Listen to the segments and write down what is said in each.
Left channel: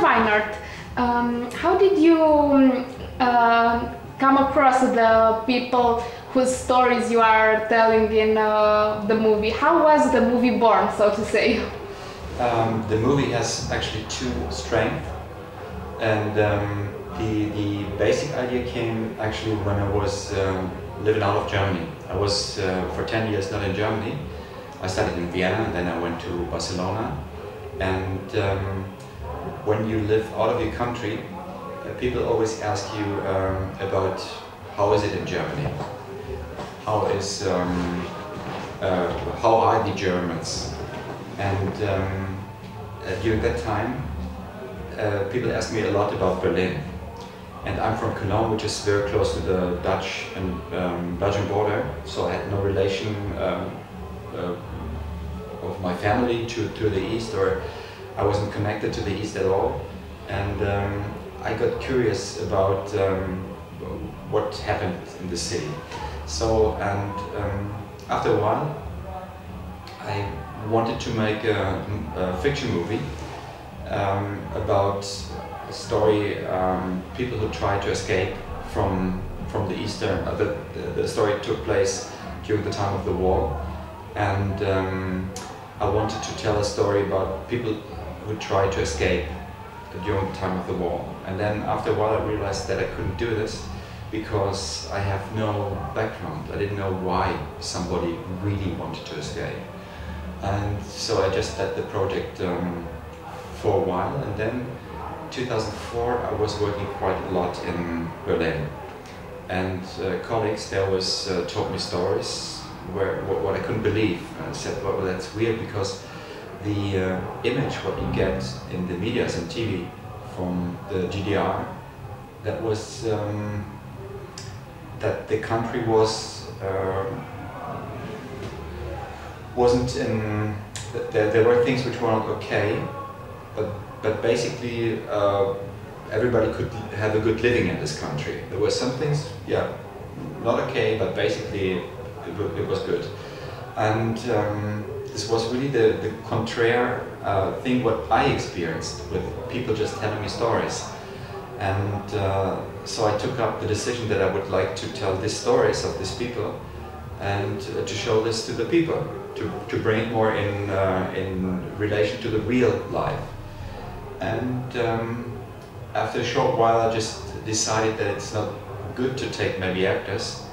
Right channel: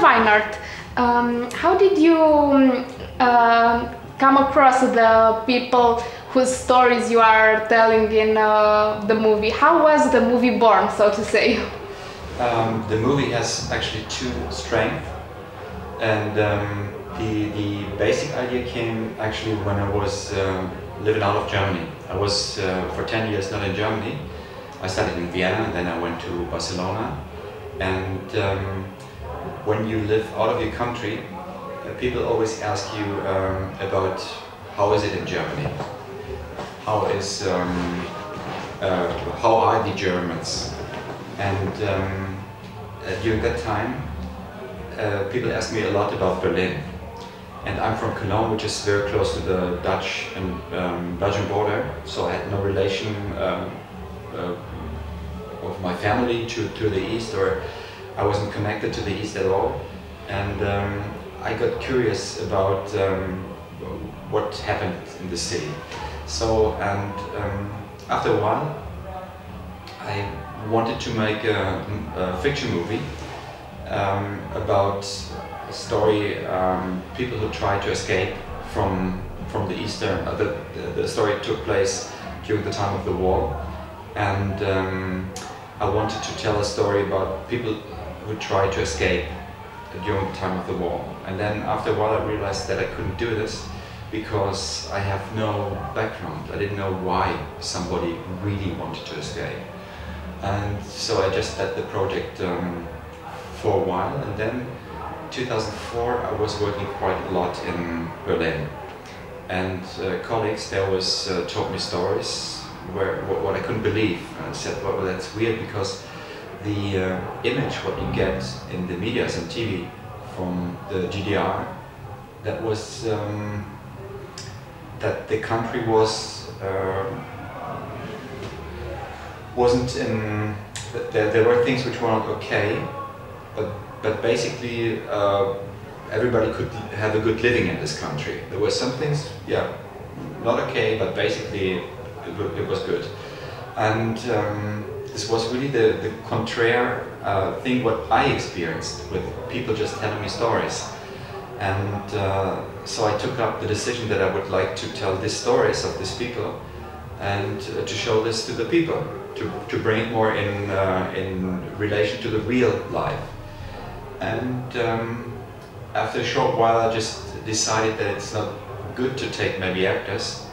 Mr. Weinert, how did you come across the people whose stories you are telling in the movie? How was the movie born, so to say? The movie has actually two strengths, and the basic idea came actually when I was living out of Germany. I was for 10 years not in Germany. I studied in Vienna, and then I went to Barcelona. And when you live out of your country, people always ask you about how is it in Germany? How are the Germans? And during that time, people asked me a lot about Berlin. And I'm from Cologne, which is very close to the Dutch and Belgian border, so I had no relation of my family to the east, or I wasn't connected to the east at all. And I got curious about what happened in the city. So, and after a while, I wanted to make a fiction movie about a story, people who try to escape from the eastern. The story took place during the time of the war, and I wanted to tell a story about people who try to escape during the time of the war. And then after a while I realized that I couldn't do this because I have no background. I didn't know why somebody really wanted to escape. And so I just led the project for a while, and then 2004 I was working quite a lot in Berlin, and colleagues there was told me stories what I couldn't believe, and I said, well, that's weird, because the image what you get in the media and TV from the GDR, that was that the country wasn't in. There were things which were not okay, but basically everybody could have a good living in this country. There were some things, yeah, not okay, but basically it was good. And this was really the contrary thing what I experienced, with people just telling me stories. And so I took up the decision that I would like to tell these stories of these people, and to show this to the people, to bring it more in relation to the real life. And after a short while I just decided that it's not good to take maybe actors,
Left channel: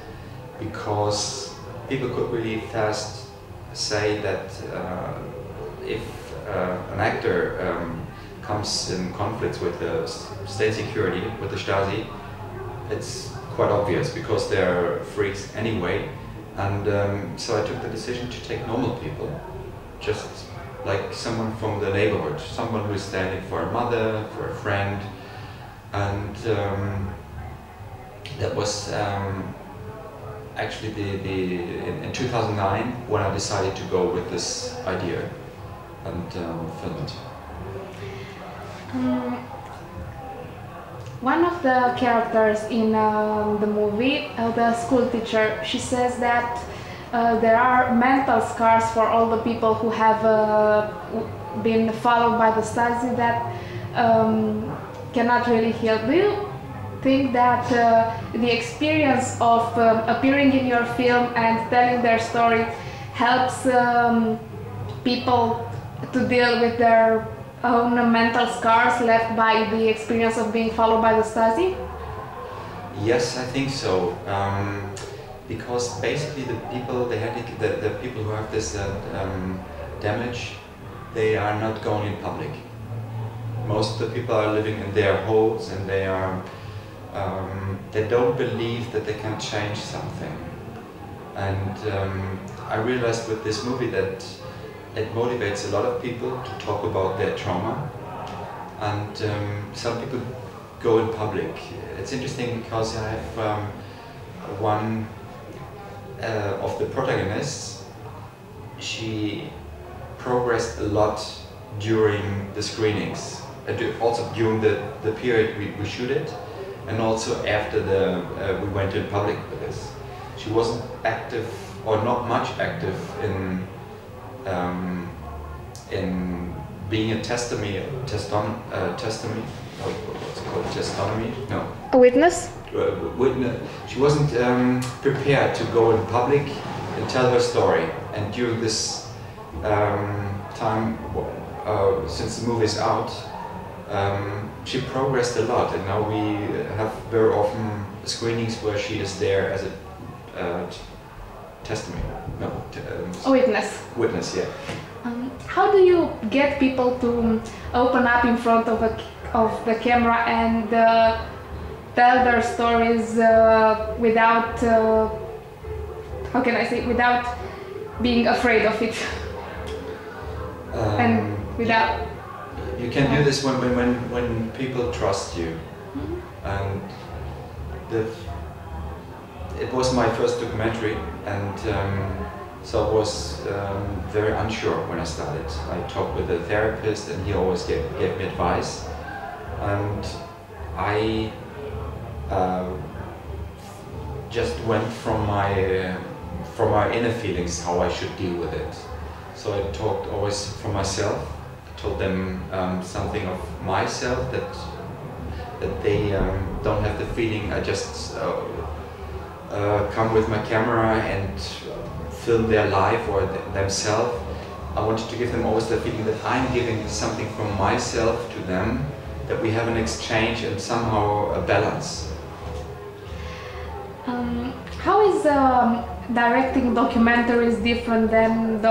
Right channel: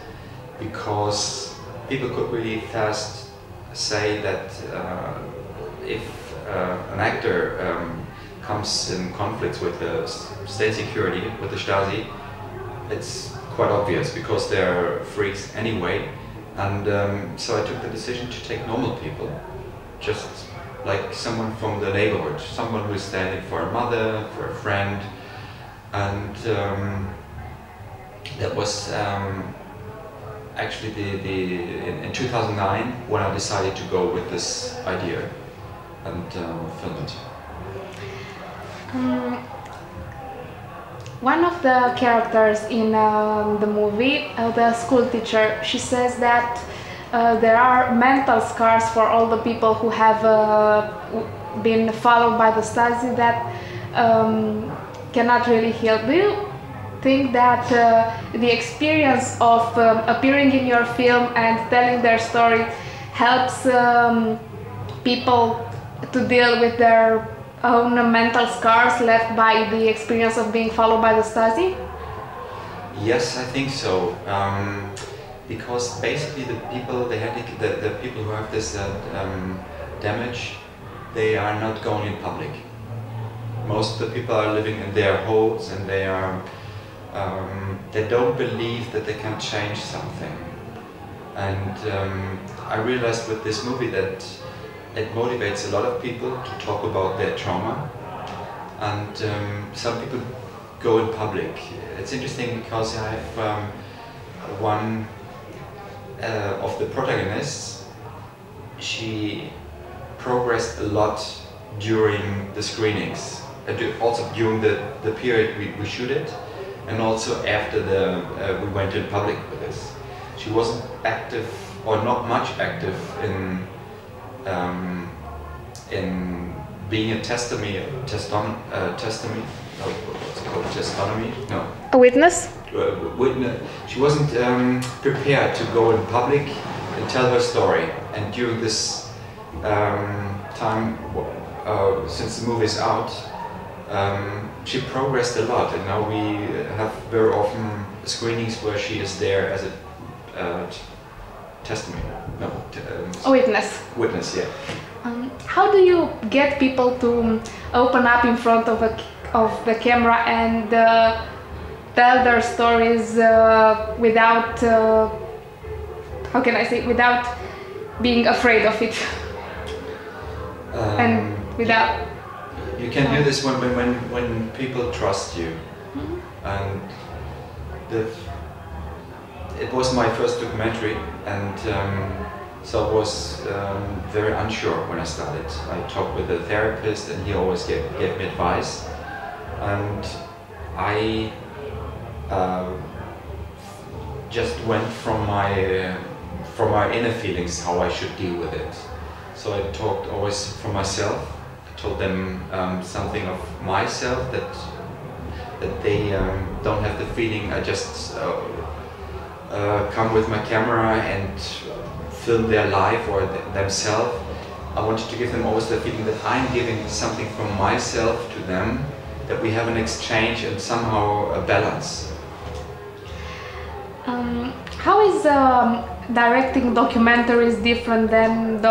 because people could really fast say that if an actor comes in conflicts with the state security, with the Stasi, it's quite obvious, because they're freaks anyway. And so I took the decision to take normal people, just like someone from the neighborhood, someone who's standing for a mother, for a friend. And that was actually in 2009 when I decided to go with this idea and film it. One of the characters in the movie, the school teacher, she says that there are mental scars for all the people who have been followed by the Stasi that cannot really heal. Do you think that the experience of appearing in your film and telling their story helps people to deal with their own mental scars left by the experience of being followed by the Stasi? Yes, I think so. Because basically the people, the people who have this damage, they are not going in public. Most of the people are living in their holes, and they don't believe that they can change something. And I realized with this movie that it motivates a lot of people to talk about their trauma, and some people go in public. It's interesting because I have one of the protagonists. She progressed a lot during the screenings, also during the period we shoot it, and also after we went in public with this. She wasn't active, or not much active, in being a testimony, what's it called, testonomy? No. A witness? Witness. She wasn't prepared to go in public and tell her story. And during this time, since the movie is out, she progressed a lot. And now we have very often screenings where she is there as a testimony. No. A witness. Witness, yeah. How do you get people to open up in front of the camera and tell their stories without, how can I say, without being afraid of it? And without... You can do this when people trust you. Mm-hmm. And it was my first documentary, and so I was very unsure when I started. I talked with a therapist, and he always gave me advice. And I just went from my inner feelings how I should deal with it. So I talked always for myself. I told them something of myself that they don't have the feeling I just come with my camera and film their life or themselves. I wanted to give them always the feeling that I'm giving something from myself to them, that we have an exchange and somehow a balance. How is directing documentaries different than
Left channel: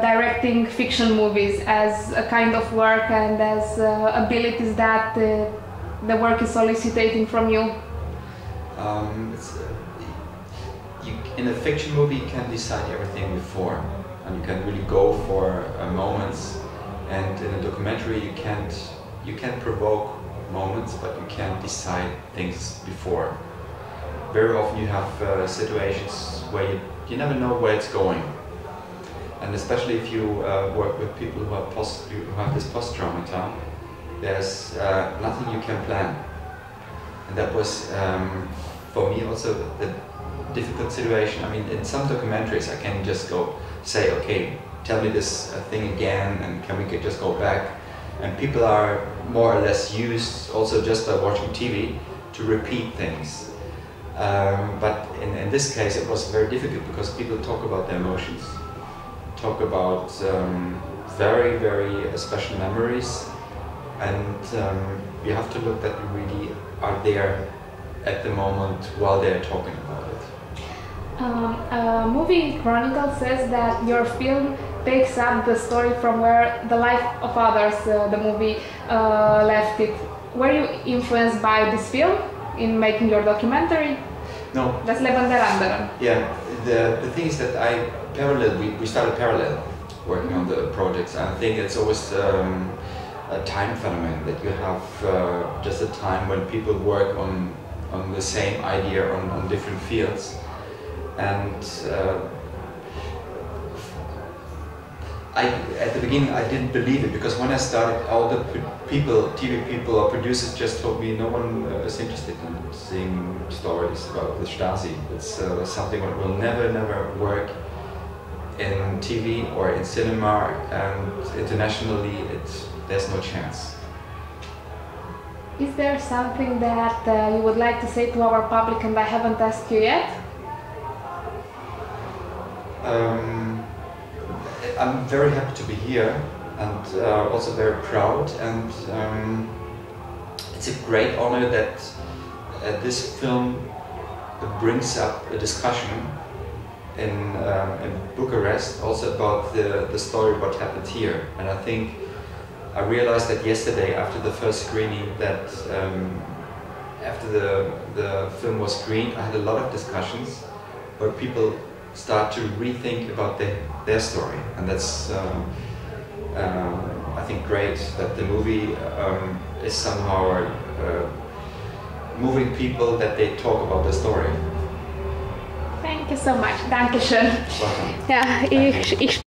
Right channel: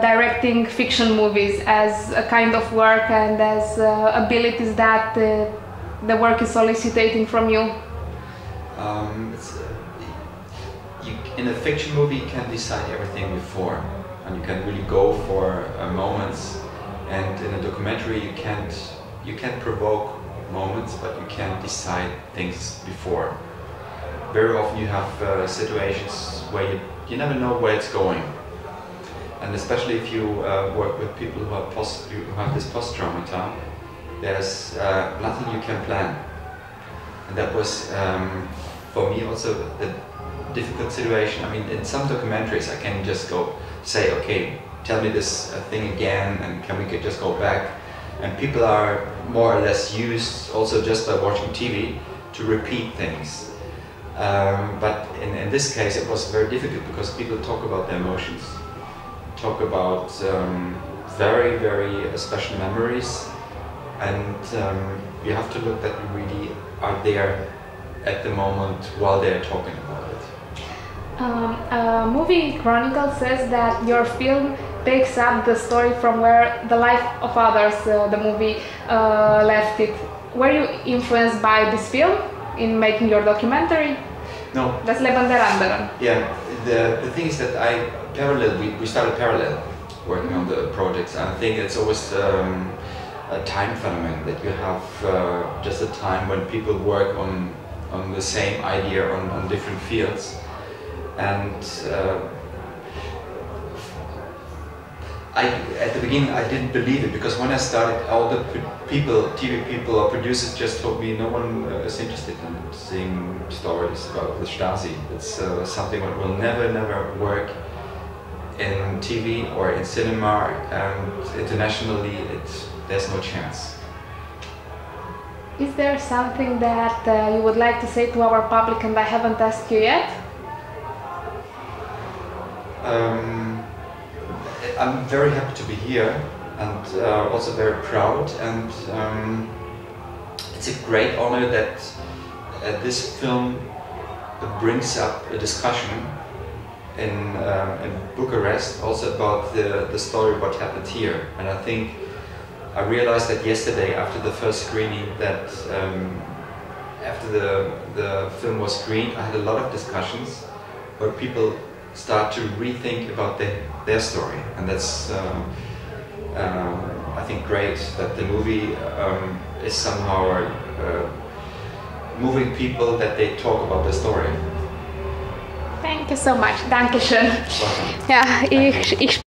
directing fiction movies as a kind of work and as abilities that the work is soliciting from you? In a fiction movie you can decide everything before, and you can really go for moments, and in a documentary you can't provoke moments, but you can't decide things before. Very often you have situations where you never know where it's going, and especially if you work with people who have this post-trauma, there's nothing you can plan. And that was for me also the difficult situation. I mean, in some documentaries I can just say, okay, tell me this thing again, and can we just go back? And people are more or less used, also just by watching TV, to repeat things. But in this case it was very difficult because people talk about their emotions, talk about very, very special memories, and you have to look that you really are there at the moment while they're talking about it. Movie Chronicles says that your film takes up the story from where the life of others, the movie, left it. Were you influenced by this film in making your documentary? No. Das Leben der anderen. Yeah, the thing is that we started parallel working on the projects. I think it's always a time phenomenon that you have just a time when people work on the same idea on different fields. And at the beginning I didn't believe it, because when I started, all the TV people or producers just told me no one is interested in seeing stories about the Stasi. It's something that will never work in TV or in cinema, and internationally there's no chance. Is there something that you would like to say to our public and I haven't asked you yet? I'm very happy to be here, and also very proud, and it's a great honor that this film brings up a discussion in Bucharest also about the story what happened here. And I think I realized that yesterday after the first screening that after the film was screened, I had a lot of discussions where people start to rethink about their story, and that's I think great that the movie is somehow moving people, that they talk about the story. Thank you so much. Dankeschön. Welcome. Ja, ich